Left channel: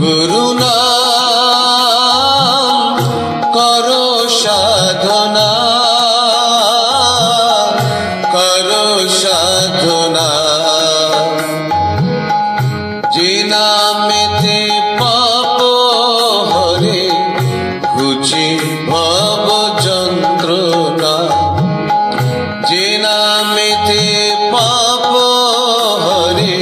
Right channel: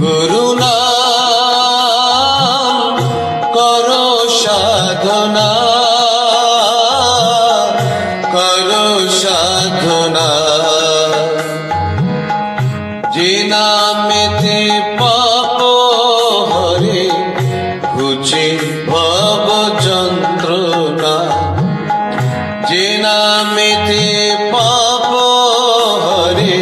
গুরু নাম করো সাধনা, করো সাধনা। যে নামেতে পাপ হরে ঘুচে ভব যন্ত্রণা, যে নামেতে পাপ হরে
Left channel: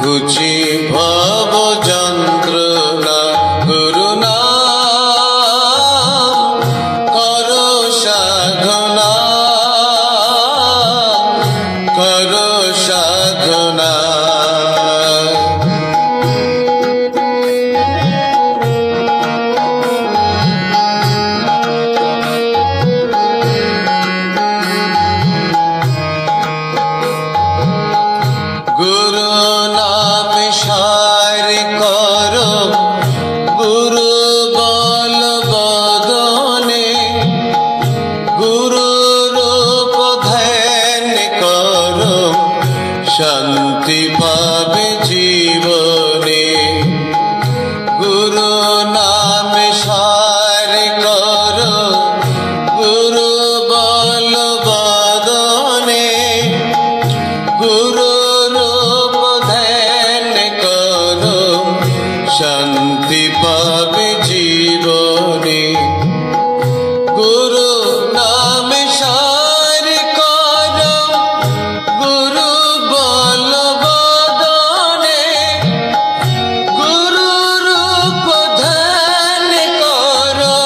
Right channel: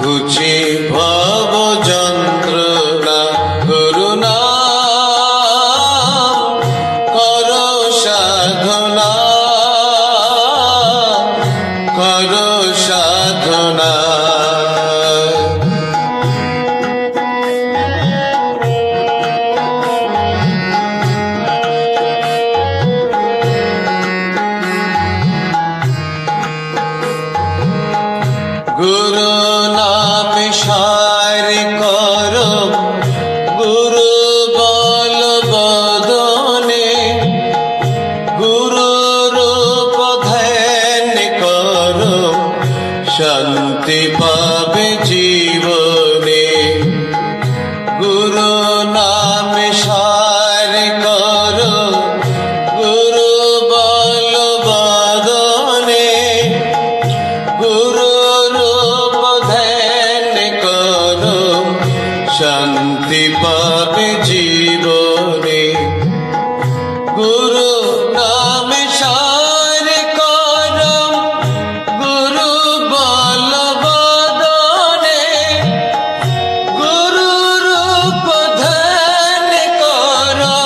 ঘুচে ভব যন্ত্রণা। গুরু নাম করো সাধনা, করো সাধনা। গুরু নাম সার করো গুরু বল বদনে, গুরু রূপ ধ্যান করো শান্তি পাবে জীবনে। গুরু নাম সার করো গুরু বল বদনে, গুরু শান্তি পাবে জীবনে। গুরু নাম সার করো গুরু বল বদনে, গুরু রূপ ধ্যান করো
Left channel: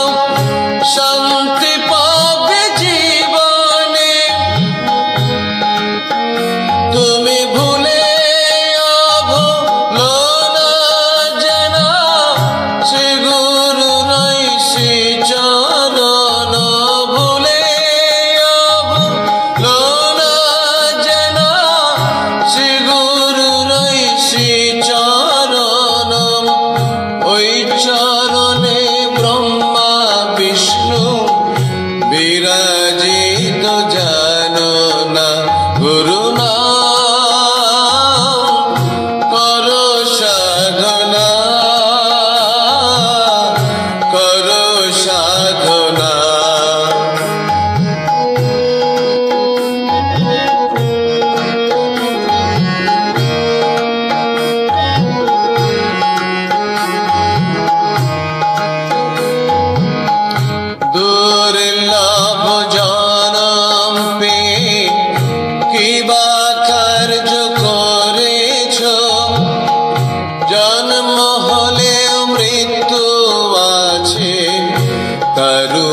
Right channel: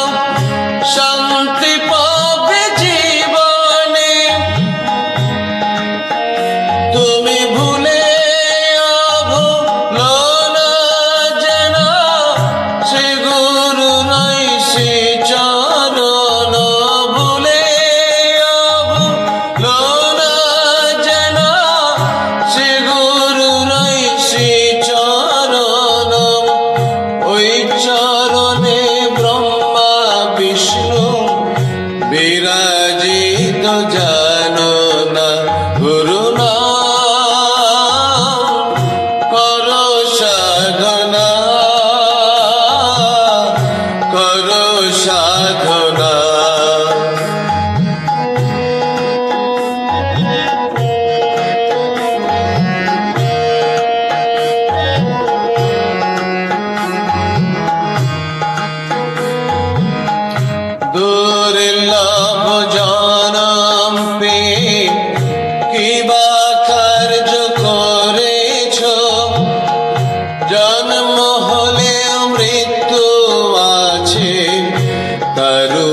শান্তি পাবে জীবনে। তুমি ভুলে বিরাজিত জাননা। গুরু নাম করো সাধনা, করো সাধনা। দুর্লভ জনম পেয়ে কি বা কার্য করেছ, জন্ম হলে মৃত্যু আছে কারু